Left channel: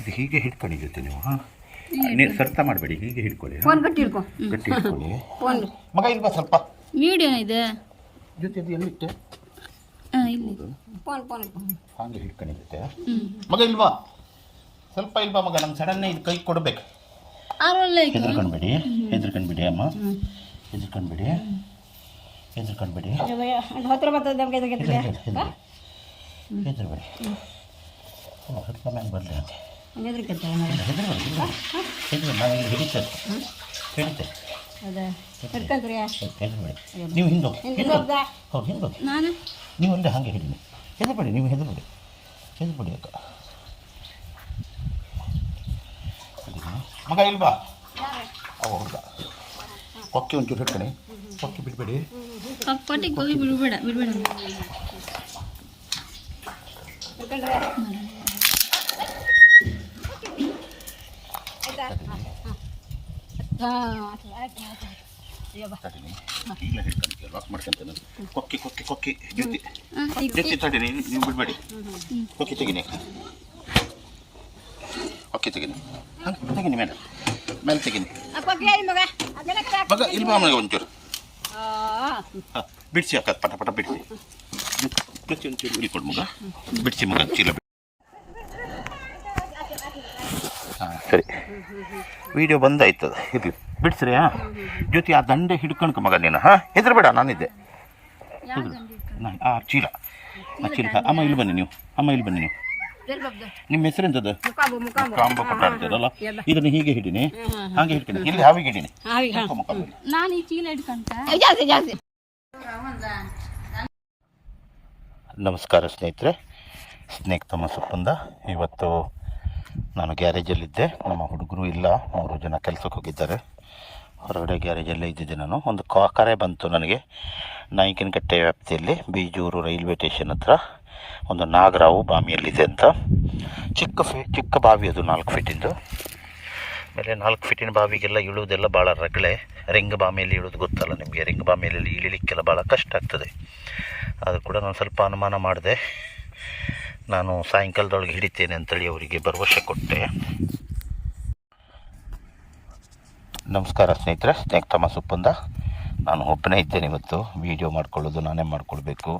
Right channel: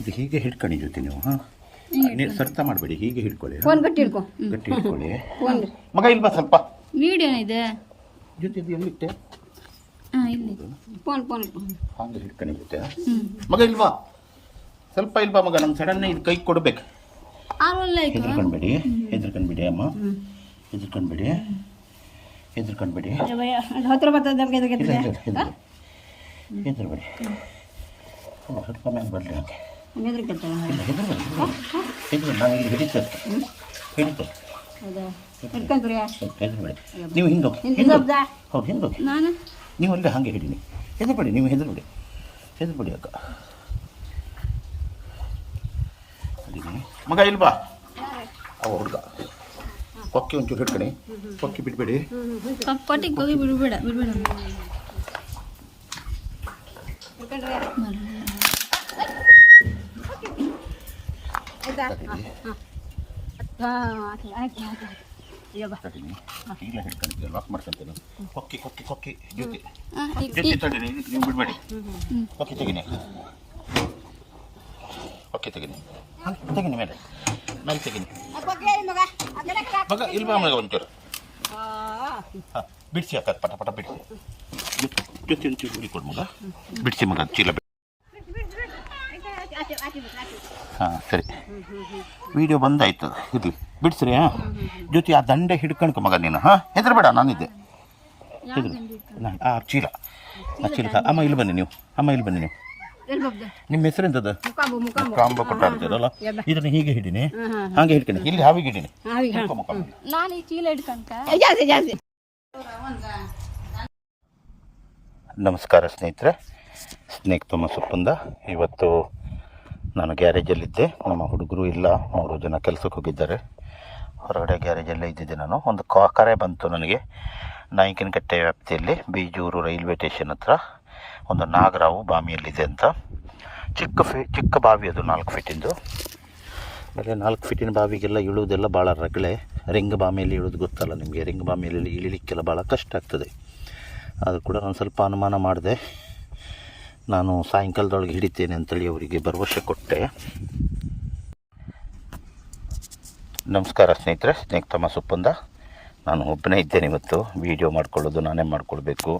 ಇದು ಹೀಗೆ ಹಿಡ್ಕೊಂಡು ಜೊತೆ ನೀವು ಹಾಂ ಸರ್ತ ಮಾಡಬೇಡಿ, ಹೀಗೆ ಹಿಡ್ಕೊಳ್ಳಿ. ಫೋನ್ ಗಟ್ಟಿ ಹಿಡ್ಕೊ. ಗಟ್ಟಿ ಹಿಡ್ಕೊಳ್ಳಿ. ಫೋನ್ ಮಗ ಇಲ್ವಾ ಸ್ವಲ್ಪ ವಿಡಿಯೋ ಇದೆ ಜೊತೆ ಎಲ್ಲಿಟ್ಟೆ? ಇಲ್ಲಿ ಫೋನ್ ಫೋನ್ ಹಾಗೆ ಹಿಡ್ಕೊಂಡು ಜೊತೆ ಮಗ ಇಲ್ವಾ? ಸ್ವಲ್ಪ ಇಲ್ವಾ ಮಗ? ನಮ್ಮ ಸಡನ್ನೇ ಇದು ಕೈ ಕೊಡ್ಬೇಕು. ಹೆದರ್ಕೊಂಡ್ಬೇಡಿ, ಹೆದರ್ಕೊಂಡ್ಬಿಡಿ ಅಮ್ಮ, ಹೆದರ್ಕೊಂಡ್ಬಿಡಿ, ಹೆದರ್ಕೊಂಡ್ಬಿಡಿ, ಹತ್ರ ಬರ್ತದೆ ಹೆದರ್ಬೇಡಿ. ಸ್ವಲ್ಪ ಮ್ಯಾಲೆ ಬರಲಿ ನನಗೆ. ಹೆದರ್ಕೊಳ್ತಾರೆ. ಇಲ್ಲ ಹೆದರ್ಬೇಡಿ, ಹೆದರ್ಬೇಡಿ. ನಾವು ಇಲ್ಲಿ ಹಿಡಿತೇವೆ, ಹಿಡಿತೇವೆ. ಹಿಡ್ಕೊಂಡ್ರಿ ಹೆದರ್ಬೇಡಿ. ನೀವು ಹಿಂದೆ ಹೌದು ಹಿಂದೆ ನಾನು ನೀವು ಅಲ್ಲೇ ಹಾಗೆ ಹಿಡೀನಿ. ಹೆದರ್ಬೇಡಿ, ನೀವು ಹೆದರ್ಬೇಡಿ, ಹೆದರ್ಬೇಡಿ ಅಕ್ಕ. ಮಗ ಇಲ್ವಾ? ಅವ ಹುಡುಗ ಕೊಕ್ಕೆ ಒಂಚೂರು ಹಿಡ್ಕೊಳ್ಳಿ, ಕೊಕ್ಕೆ ಬಿಡಬೇಡಿ. ಕೊಟ್ಟಿಗೆ ಹೋಗಿ ಬಿಡಬೇಡ ಬಿಡಬೇಡ. ಇಲ್ಲ ಹಿಡ್ಕೊಂತೀನಿ, ಲಾಕ್ ಮಾಡ್ಕೊಂತೇನೆ. ಕೊಕ್ಕೆ ಕೊಕ್ಕೆ ಕೊಕ್ಕೆ ಜೊತೆ ಜೊತೆ ತಡೀನಿ, ನೀವು ಬಿಡಬೇಡಿ. ಕೊಕ್ಕೆ ತೆಗೀನಿ, ಕೊಕ್ಕೆ ತೆಗೀನಿ, ಹಾಂ ತೆಗೀನಿ, ಮೇಲೆ ಮೇಲೆ ತೆಗೀನಿ. ಮಗ ಇಲ್ವಾ ಮಗ ಒಂಚೂರು? ಹಾಂ ಬಿಡಿಸಿ ಅಕ್ಕ, ಪಟ ಪಟ ಬಿಡಿಸಿ. ಜೊತೆ ಒಂಚೂರು ಹಿಡಿಕೊಡು ಮಗ, ಬಿಡಿಸಿ ಮಗ ಚೀಲ. ಹಾಂ ಸರಿ, ವಿಡಿಯೋ ಬಂದಾಯ್ತದ, ಇರಲಿ ಬಿಡಿಸ್ರಿ. ಹಾಂ ಜೊತೆ ಆ ದಂಡೆ ಹಿಡ್ಕಣ್ಕ ಮಗ ನೀನು. ಹಾಂ ಹೆದರ್ಬೇಡ, ನಾನಿದ್ದೆ. ನಾನು ಆ ಚೀಲ, ಆ ಚೀಲ. ಅಮ್ಮ ಇಲ್ಲಿ ಬನ್ನಿ ನೀವು, ಅಮ್ಮ ಇಲ್ಲಿ ಬನ್ನಿ ನೀವು. ನಿಮ್ಮ ಹೆಸರೆಂತದ? ಕಾಂಬ ಕೊಟ್ಟಾಡ್ತೀರಲ್ಲ, ಇದನ್ನು ಹೀಗೆ ಹಿಡೀನಿ, ಹಾಗೆ ಹಿಡ್ಕೊಂಡು ಇಲ್ಲಿ ಹಾವಿಗೆ ಹಿಡೀನಿ. ನಾನು ಈ ಚೀಲ ಹಿಡ್ಕೊಂತ. ನಮಸ್ಕಾರ ಸ್ನೇಹಿತರೆ, ಸ್ನೇಕ್ ಥಾಮಸ್ ಉಪ್ಪಂದ. ಇವತ್ತು ನಾನು ಗ್ಯಾರೇಜಲ್ಲಿದ್ದೆ, ನಮ್ಮ ಹುಡುಗರು ಇಲ್ಲ, 3 ಜನ ಕೆಲಸಕ್ಕೆ ಹೋಗಿದ್ದಾರೆ. ಹೊರಗಡೆ ಗ್ಯಾರೇಜಲ್ಲೇ ಇದ್ದಿದ್ದೆ ನಾನು. ಒಂದು ಕರೆ ಬಂತು ನನಗೆ, ನಾಯಕನಕಟ್ಟೆ ವ್ಯಾಪ್ತಿಯಲ್ಲಿ ಬೀಜೂರು ರೈಲ್ವೆ ಸ್ಟೇಷನ್ ಹತ್ರ ಒಂದು ನಾಗರಾವು ಬಾವಿಯಲ್ಲಿದೆ ಅಂತ. ಚಿಕ್ಕ ಬಾವಿ ಅದು, 4 ಫೀಟಿಂದು. ಆಮೇಲೆ 4 ಫೀಟಿನ ಬಾವಿಗೆಲ್ಲ ಇಳುವುದೆಲ್ಲ ಭಾಳ ರಗಳೆ. ರಿಂಗ್ ಬಾವಿಯಲ್ಲಿ ಇಳೋದು ಗೊತ್ತಲ್ಲ ನಿಮಗೆ, ರಿಂಗ್ ಬಾವಿಯಲ್ಲಿ ಇಳಿಲಿಕ್ಕೆಲ್ಲ ಭಾಳ ಕಷ್ಟ ಆಗ್ತದೆ. ಅದು ಕೂಡ ನಾನು ಸ್ವಲ್ಪ ಅನುಮಾನ ಮಾಡಿದೆ. ನಾನು ಸಾಯಂಕಾಲದೊಳಗೆ ಹಿಡಿತೇನೆ ಅಂತೇಳಿ ಅವರಿಗೆ ಭರವಸೆ ಕೊಟ್ಟೆ. ನಮಸ್ಕಾರ ಸ್ನೇಹಿತರೆ, ಸ್ನೇಕ್ ಥಾಮಸ್ ಉಪ್ಪಂದ. ನಾನು ಒಬ್ಬನೇ ಇದ್ದೇನೆ ಇವತ್ತು. ವೀಡಿಯೋ ಮಾಡ್ಕೊಳ್ಳೋದು ನಾನೇ ಮಾಡ್ಕೊಳ್ಬೇಕು,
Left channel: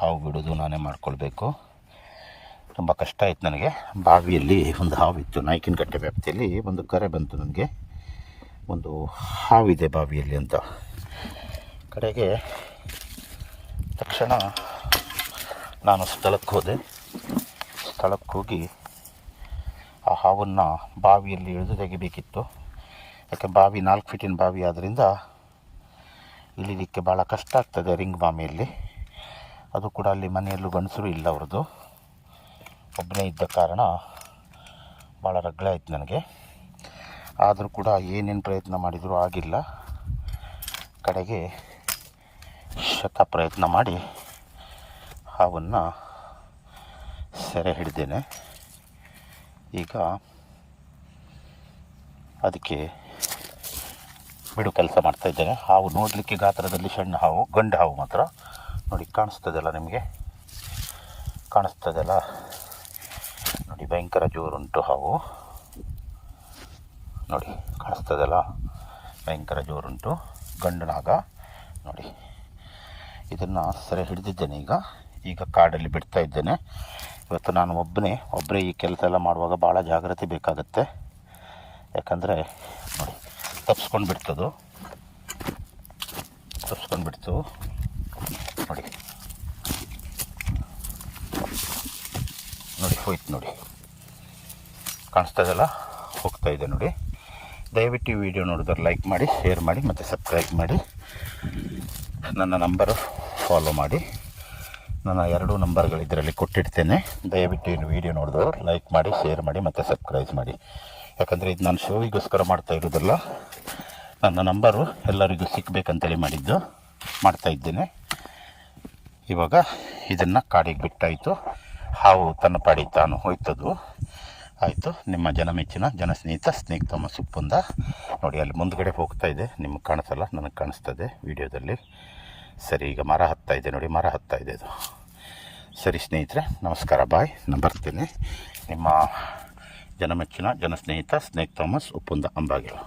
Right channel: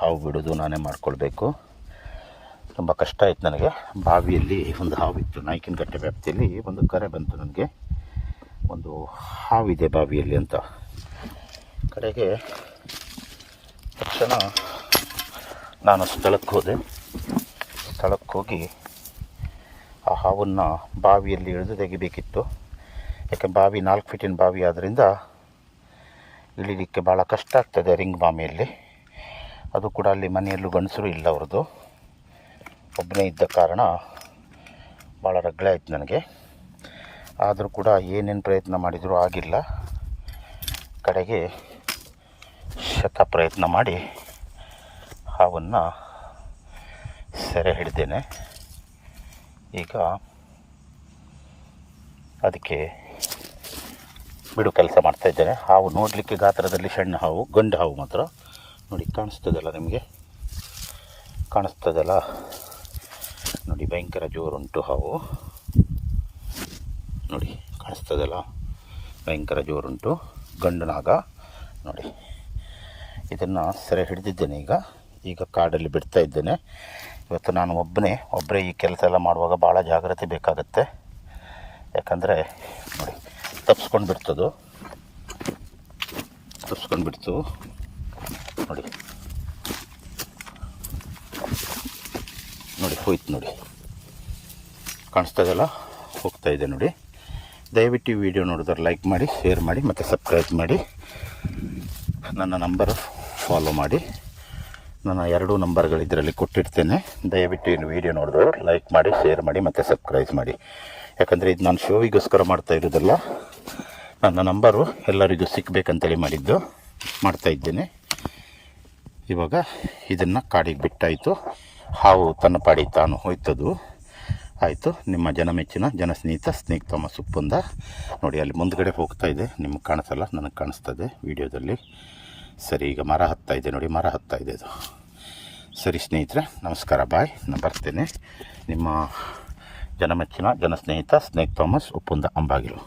ಹಾವು ಬಿಡೋದು ನಾನೇ ಮಾಡ್ಕೊಳ್ಬೇಕು. ತುಂಬ ಕಷ್ಟ ಆಯಿತು ನನಗೆ. ಬಾವಿಯಲ್ಲಿ ಒಂದು ಹಾವಿತ್ತು, ನಾಯಕನಕಟ್ಟೆ ವ್ಯಾಪ್ತಿಯಲ್ಲಿ ಒಂದು ಕರೆ ಬಂತು ನನಗೆ, ಒಂದು ಹಾವಿದೆ ಬಾವಿಯಲ್ಲಿ ಅಂತ. ಕಡೆಗೆ ತಕ್ಷಣ ನಾನು ಸ್ಥಳಕ್ಕೆ ಹೋದೆ. ಸ್ಥಳಕ್ಕೆ ಹೋಗಿ ಆ ಹಾವನ್ನು ಬಾವಿಯಲ್ಲಿ ಇಳಿದು ತೆಗಿಬೇಕಿತ್ತು. ಯಾಕೆ ಬಾವಿ 4 ಫೀಟಿನ ಬಾವಿ ಆದ್ದರಿಂದ ಇಳಿಲಿಕ್ಕೆ ಭಾಳ ಕಷ್ಟ ಆಗ್ತದೆ ರಿಂಗ್ ಬಾವಿಯಲ್ಲಿ. ಅದು ಕೂಡ ಅಲ್ಲಿ ಮನೆಯಲ್ಲೂ ಗಂಡಸರು ಇಲ್ಲ, ಅವ್ರದ್ದು ಒಬ್ಬನೇ ಇದ್ದ ಕಾರಣ ಭಾಳ ರಗಳೆ ಆಯ್ತು ನನಗೆ. ಆದರೂ ಕೂಡ ಏನೇನು ಪ್ರಯತ್ನ ಮಾಡಿದರೂ ಆಗಿಲ್ಲ. ಕಡೆಗೆ ಪ್ರಯತ್ನ ಮಾಡಿ ಹಾವನ್ನು ಸೆರೆ ಹಿಡಿದೇನೆ. ಈಗ ಅದಕ್ಕೆ ಬಿಡು ಕೆಲಸ ಮಾಡ್ತಾಯಿದ್ದೇನೆ. ಹಾವು ನೋಡಲಿಕ್ಕೆ ಗಾತ್ರದಲ್ಲಿ ಸಣ್ಣ ಹಾವು, ಗಂಡು ಹಾವು ಮಾತ್ರ. ನೋಡಿ ಕಾಣಿಸ್ತದಲ್ಲ ನಿಮಗೆ, ಕಾಣಿಸ್ತದಲ್ಲ ನೋಡಿ, ಭಯಂಕರ ಜೋರುಂಟು ಹಾವು. ನೋಡಿ ಕಾಣಿಸ್ತದಲ್ಲ, ಭಯಂಕರ ಜೋರುಂಟು, ಗಂಡು ನಾಗ. ನೋಡಿ ಇದನ್ನು ಸೆರೆ ಹಿಡಿದಿದ್ದೇನೆ. ಈಗ ಕಾಡಲ್ಲಿ ಬಿಡ್ತಾ ಇದ್ದೇನೆ. ಇವತ್ತು ನಾನು ಒಬ್ಬರೇ ಈ ಕೆಲಸ ಎಲ್ಲ ಮಾಡುವಾಗ ಭಾಳ ಜಾಗ್ರತೆ ಬೇಕಾಗತ್ತೆ. ಯಾಕಂದರೆ ನೋಡಿ ತಪ್ಪಿಸ್ಕೊಂಡು ಬಿಡ್ತದು, ತಪ್ಪಿಸ್ಕೊಂಡು ಬಿಡ್ತು. ನೋಡಿ ನೋಡಿ ಹೋಯ್ತು, ನೋಡಿ ಕಾಣಿಸ್ತದಲ್ಲ, ಹೋಗ್ತಾಯಿದೆ ನೋಡಿ. ದಯವಿಟ್ಟು ಈ ವಿಡಿಯೋ ನೋಡಿದ್ರೆ ಲೈಕ್ ಮಾಡಿ, ಶೇರ್ ಮಾಡಿ ಮತ್ತು ಸಬ್ಸ್ಕ್ರೈಬ್ ಮಾಡಿ. ನನ್ನ ನಂಬರು ಫಾಲೋ ಮಾಡಿ. ನನ್ನ 2 ನಂಬರ್ಗಳು ಇದರಲ್ಲಿ ಕೊಟ್ಟಿರ್ತೇನೆ. ದಯವಿಟ್ಟು ಈ ವಿಡಿಯೋ ನೋಡಿದ್ರೆ ಲೈಕ್ ಮಾಡಿ, ಶೇರ್ ಮಾಡಿ ಮತ್ತು ಸಬ್ಸ್ಕ್ರೈಬ್ ಮಾಡಿ. ಯಾಕಂದರೆ ಇದು ನಾನು ಶೋವಿಗೋಸ್ಕರ ಮಾಡ್ತಾ ಇರೋದಲ್ಲ, ನನ್ನ ನಂಬರು ಎಲ್ಲರಿಗೂ ಸಿಕ್ಕಬೇಕಂತೇಳಿ ಮಾಡ್ತಾಯಿದ್ದೇನೆ. ಇವಾಗ ಇದನ್ನು ಕಾಡಿಗೆ ಬಿಟ್ಟಾಯಿತು. ಹಾವು ತನ್ನ ಪಾಡಿ ತಾನು ಹೋಯ್ತದು. ಆಯಿತು, ನಿಮ್ಮ ಜನಮೆಚ್ಚಿನ ಜನಸ್ನೇಹಿತ ಸ್ನೇಕ್ ಥಾಮಸ್ ಉಪ್ಪಂದ. ನೋಡಿ ಅಲ್ಲಿ ಮುಂದ್ಗಡೆ ಹೋಗ್ತಾ ಇದೆ, ನಿಮಗೆ ಕಾಣಿಸಲ್ಲ, ನನಗೆ ಕಾಣಿಸ್ತದೆ ವಿಡಿಯೋದಲ್ಲಿ. ಸರಿ, ಈಗ ಮರ ಹತ್ತಾ ಇದೆ ನೋಡಿ, ಮರ ಹತ್ತಾ ಇದೆ ಅದು. ಸರಿ ಸ್ನೇಹಿತರೆ, ನಮಸ್ಕಾರ, ಬಾಯ್. ನಾನು ಬರ್ತೇನೆ. ನಿಮ್ಮ ಜನಮೆಚ್ಚಿನ ಜನಸ್ನೇಹಿತ ಸ್ನೇಕ್ ಥಾಮಸ್ ಉಪ್ಪುಂದ ಅಂಬಾಗಿಲು.